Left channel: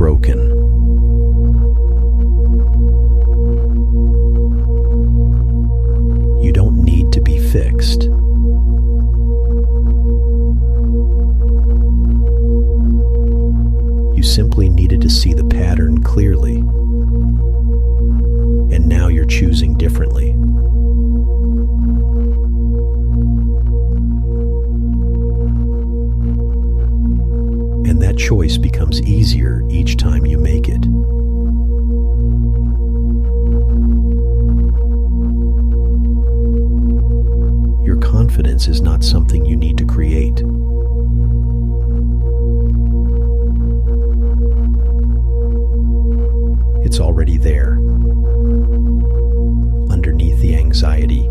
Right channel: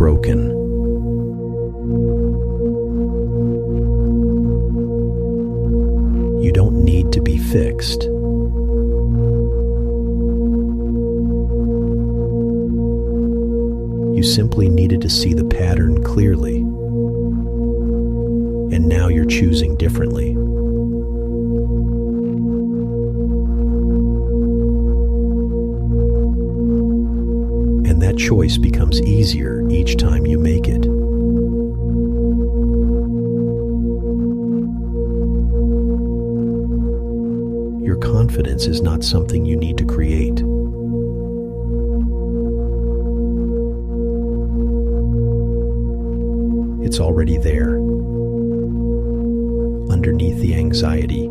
broken. You don't need to be fixed. You simply needed to see the pattern clearly, and now you're choosing differently. And that choice becomes easier each time you make it. Your confidence is not something you need to create. It's already there, underneath the anxiety